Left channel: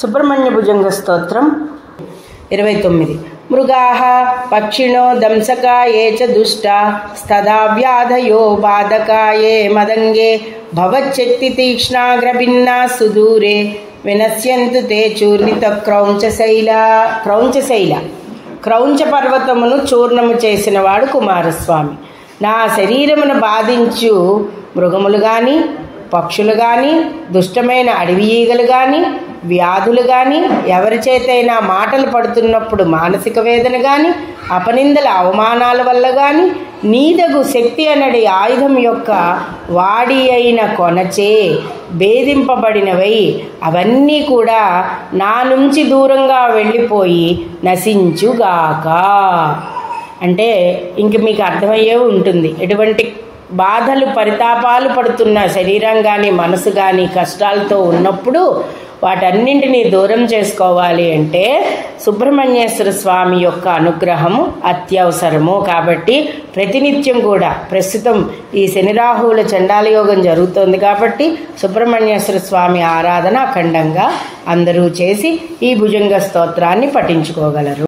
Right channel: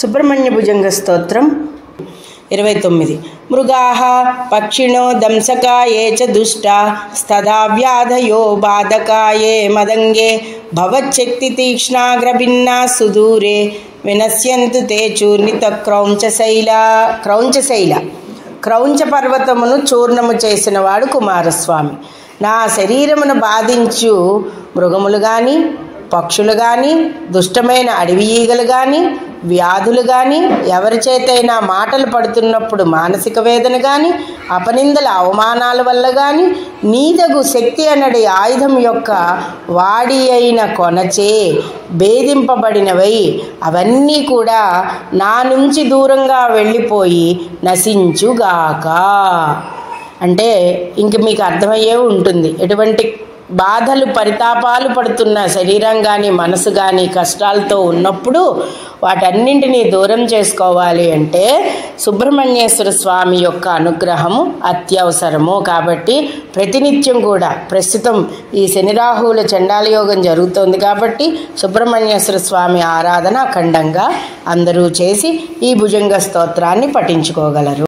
సుబ్రహ్మణ్య భుజంగ స్తోత్రం 29. మృగాః పక్షిణో దంసకాయే చ దుష్టా స్తదా వ్యాధయో బాధకాయే మదంగే భవచ్చక్తి తీక్ష్ణాగ్రభిన్నా సుదూరే వినశ్యంతు తే చూర్ణిత క్రౌంచశైల. క్రౌంచ పర్వతమును చూర్ణము చేసినవాడు కుమారస్వామి. నా శరీరమును బాధించు మృగములు కానీ, పక్షులు కానీ, దుష్టమైన అడవి ఈగలు కానీ, వ్యాధులు కానీ, ఎవరి చేతైనా మాటలు పడుతున్నప్పుడు మానసిక వేదన కానీ, అపనిందల అవమానాల వల్ల కానీ, నీదగు శక్తి అనడి ఆయుధం యొక్క వాడి అయిన కొనచే భేదింపబడినవై అవన్నీ కూడా నా నుంచి దూరంగా వెళ్ళిపోయి నశించుగాక. అంటే ఇంక మీకు అర్థమయ్యే ఉంటుంది, ఎటువంటి బాధలు పరితాపాలు పడుతున్న శరీరం కానీ మనసు కానీ కష్టాలతో ఉన్నప్పుడు వాటన్నింటినీ దూరం చేసుకోవాలి అంటే సుబ్రహ్మణ్యేశ్వర స్వామి యొక్క అనుగ్రహము అత్యవసరము. కాబట్టి ప్రతినిత్యం కూడా ప్రస్తుతం ఈ శని రాహువుల చండాల యోగం జరుగుతోంది కాబట్టి సుబ్రహ్మణ్యేశ్వర స్వామి ఆరాధన అఖండంగా అందరూ చేసి ఈ భుజంగ స్తోత్రాన్ని పఠించుకోగలరు.